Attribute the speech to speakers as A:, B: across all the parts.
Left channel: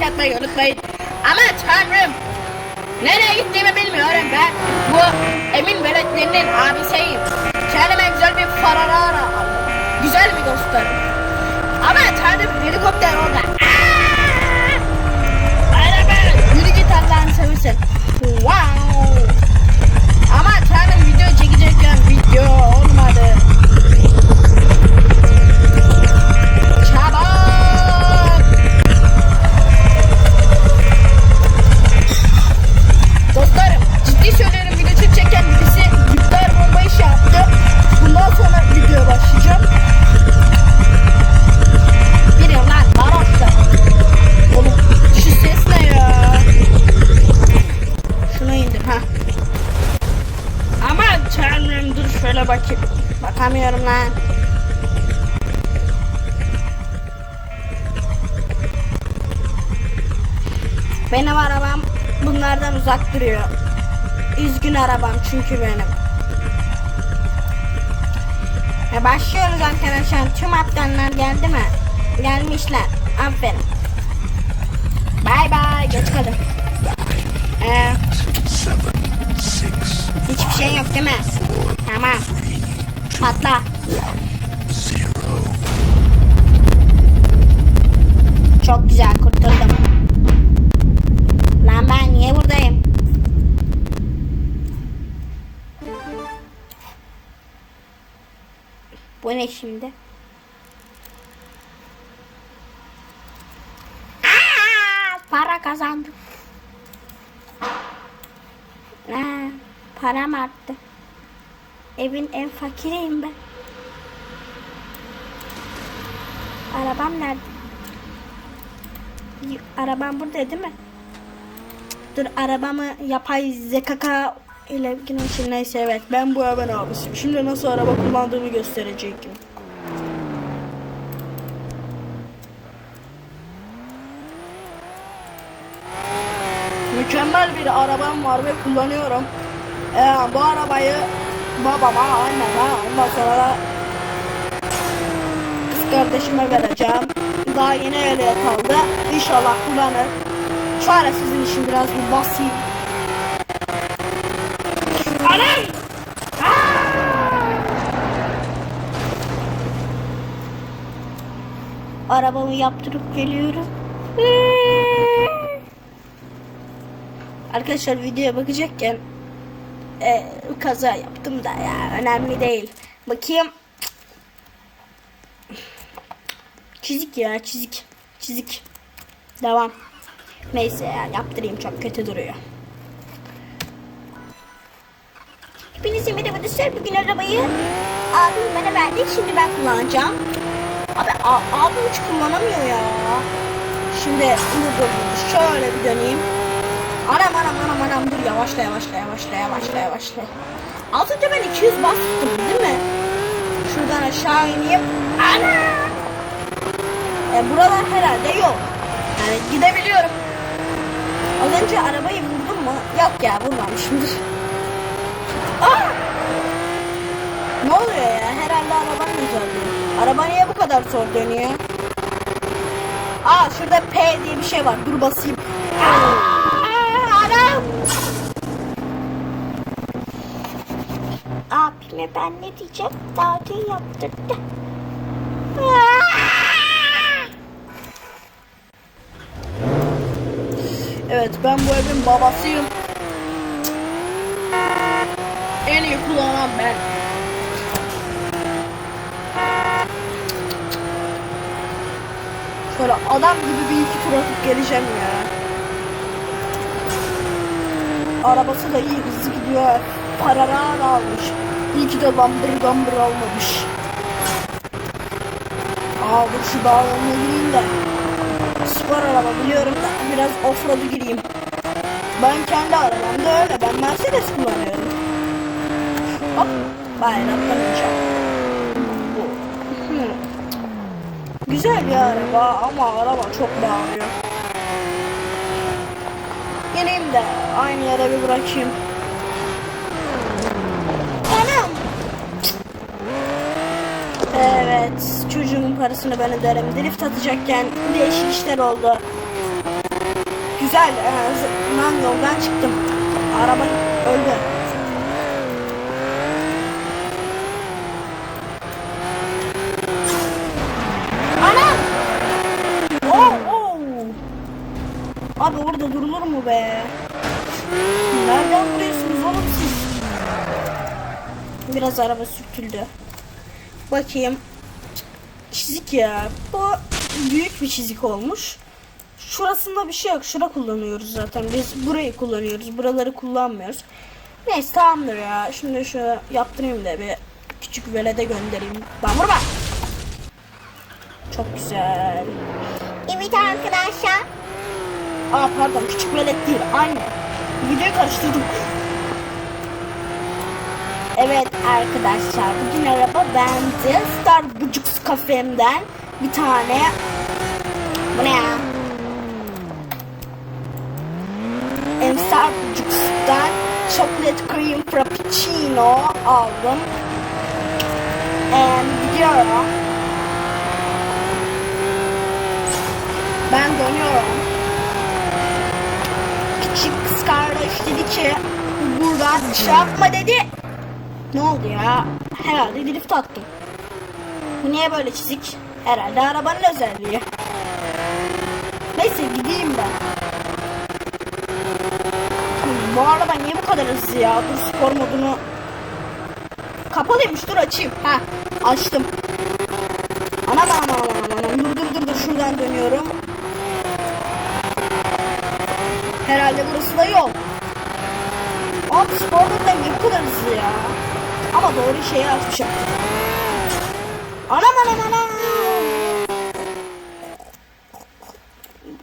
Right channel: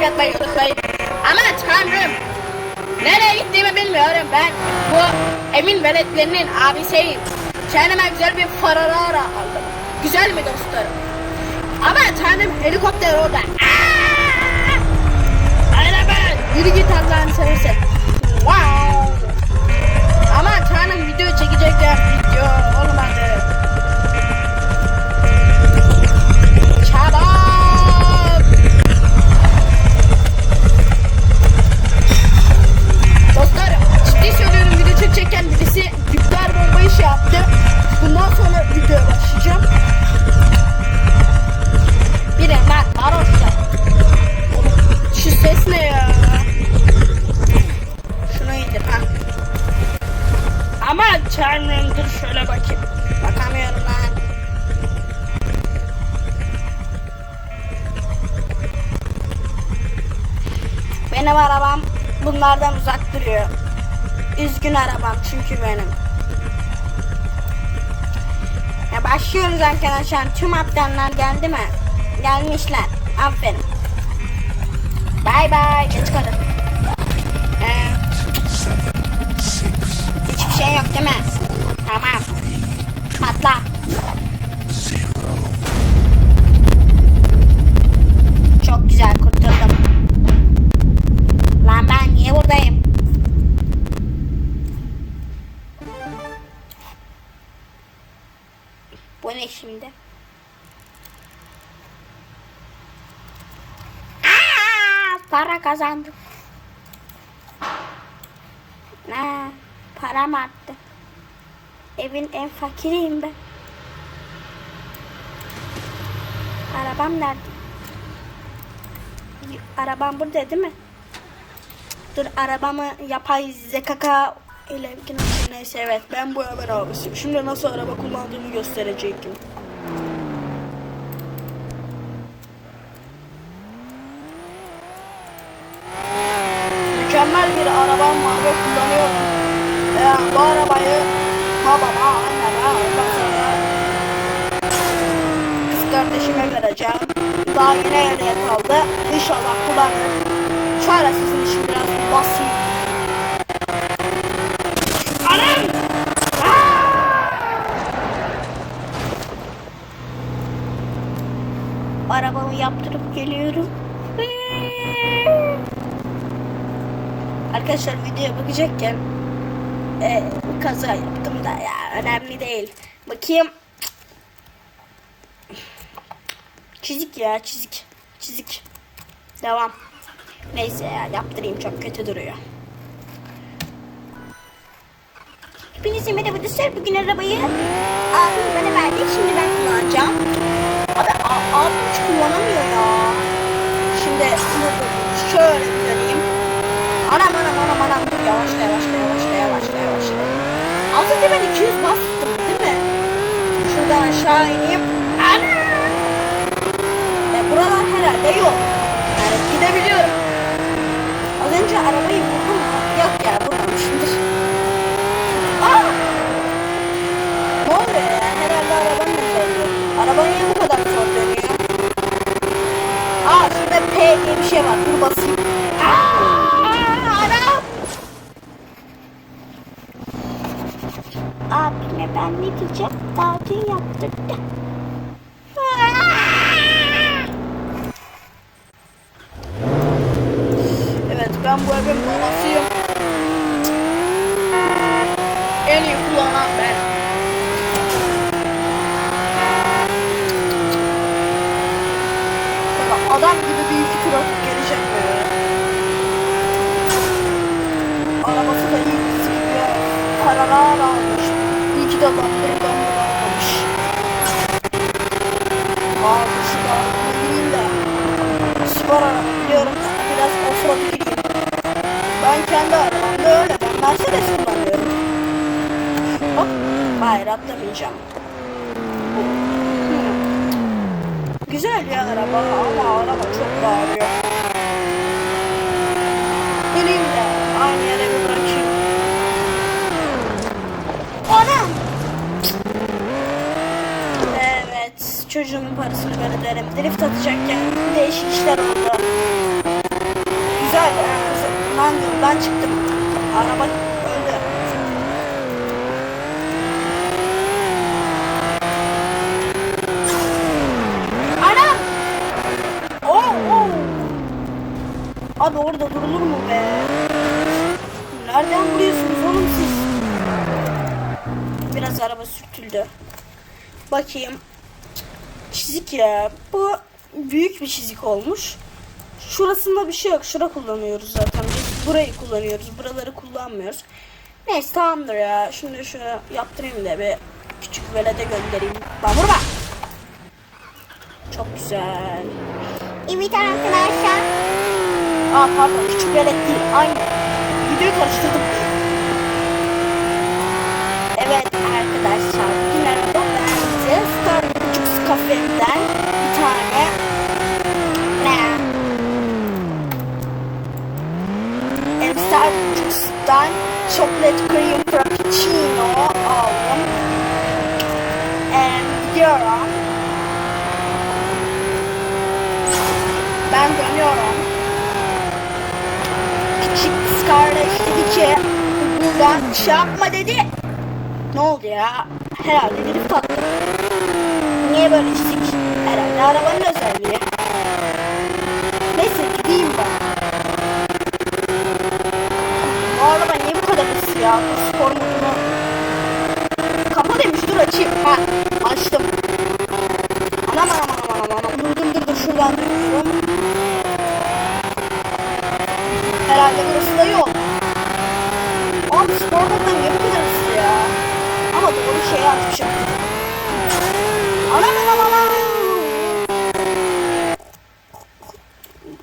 A: like atmayı unutmayın. Aman tanrım. Nereye gittiğimi bilmiyorum ben. Bu Emin veletlerinin abisiyim. Kendime güzel bir pararara. Güzel bir dostum. Aman tanrım helikopter orada. Duruyor. Üzgün arabam çünkü benim. Ya başlıyoruz arkadaşlar. Tüm atlanlar geldi mi? Gelmişler. Aferin. Bay bay. Geç kalın. Kazandım. Ha, param arttı. Evin en fakiriyim ben. Arabam nerede? Arabam burada değil mi? Dur arabamı yapay zekaka ile neyse evet ben bu evin abisiyim. Şimdi nasıl araba kullandığını gösterecektim. Mükemmel bir arabam var ve kullanıyorum. Ee, bu arabayı babama, anneme, ondan sonra kardeşime vereceğim. Daha yine evde kaldı. İnşallah kullanırım. Sonra sizin için biraz bir basayım. Arabamı yaptırıp geliyorum. Arkadaşlar videoya bakacakken e, kaza yaptım da ya önemli değil. Bakayım. Çizik ya çizik. Çizik. Devam. Neyse ya yaptırayım çok kötü duruyor. Hepinize merhaba dostlar. Bugün arabayı abim bana verdi. Şimdi ben kullanacağım. Abi abim hiç kullanamıyor ya. Şimdi şunu dur. Şöyle bir döneyim. Anam anam anam anam. Dur yavaşla yavaşla yavaşla yavaşla yavaşla. Altında ben 200 bastım değil mi? Şuradan aşağı ineyim. Ana! E, buralar herhalde yok. Yani gidebiliyorum. Az önce arabayı vurdum mu? Yok ya vurmamışımdır. Aa! Ne oluyor ya? Herhalde arabanın zor. Araba niye bu kadar zor dönüyor? Aa şurada P var. Dur basayım. Abime ben ne diyeceğim? Dün yaptırdı. Evet ben bu evin babasıyım. En iyi kullanan ben. Ulan adam gibi bir iki tur atıp geleceğim ya. Arabası da iyi bir siliyor. Paralar almış. İyi ki de bambır bambır drift atacakken değişik işler oldu. Güzel. Ben buradan çıktım. Araba öldü. Ana! Oh, oh. Abi orada durulur mu be? Nereden vuruyorsunuz oğlum? Biraz araba sürtüldü. Bakayım. Çizik ya. Bu büyük bir çizik olmuş. Şurasında bir şey yok. Şura kullanıyoruz zaten. Biz burayı kullanıyoruz. Buraları kullanmıyoruz. Neyse tamamdır ya. Şimdi şu yaptırayım da bir küçük velede göndereyim. Bak vurma. Çok güzel.
B: Evet arkadaşlar.
A: Aa pardon küçük velet değil. Aynı. Videoyu karıştırdım. Evet arkadaşlar. Bugün araba bende. Star Kafemden bir tane ne? Em, Star Bucks'tan chocolate cream frappuccino aldım. And ara ben dönüyorum. Kız kardeş dedi ki buradan şey yapma dedi. Ne oldu ya? Herhalde drift attı. Herhalde arabanın özelliği. Neyse gideyim ben. Bu araba niye bu kadar hızlı ya? Bu spor modunu. Kapalıymış dur açayım. Ha açtım. Aman aman aman aman. Dur dur dur dur şuradan dönüyorum. Herhalde burası da yol. Abi spor modunda niye bu kadar hızlı ya? Ama doğru şeyi açacağım. Anam anam anam.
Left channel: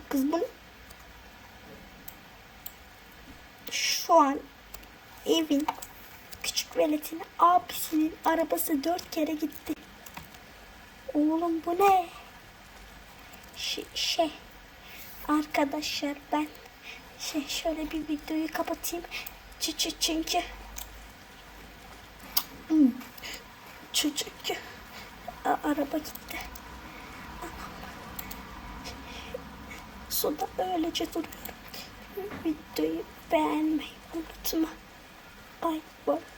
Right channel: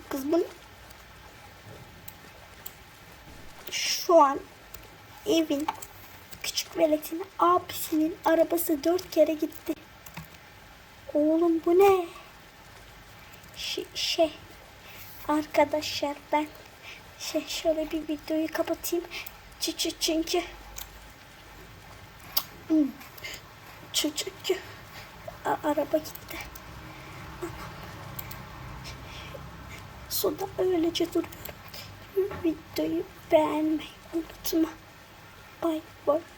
A: Kız bu ne? Şu an evin küçük veletine abisinin arabası dört kere gitti. Oğlum bu ne? Ş- şey arkadaşlar ben şey şöyle bir videoyu kapatayım. Çünkü Hmm. çünkü A- araba gitti. Suda öylece duruyorum. Videoyu beğenmeyi unutma. Bye bye.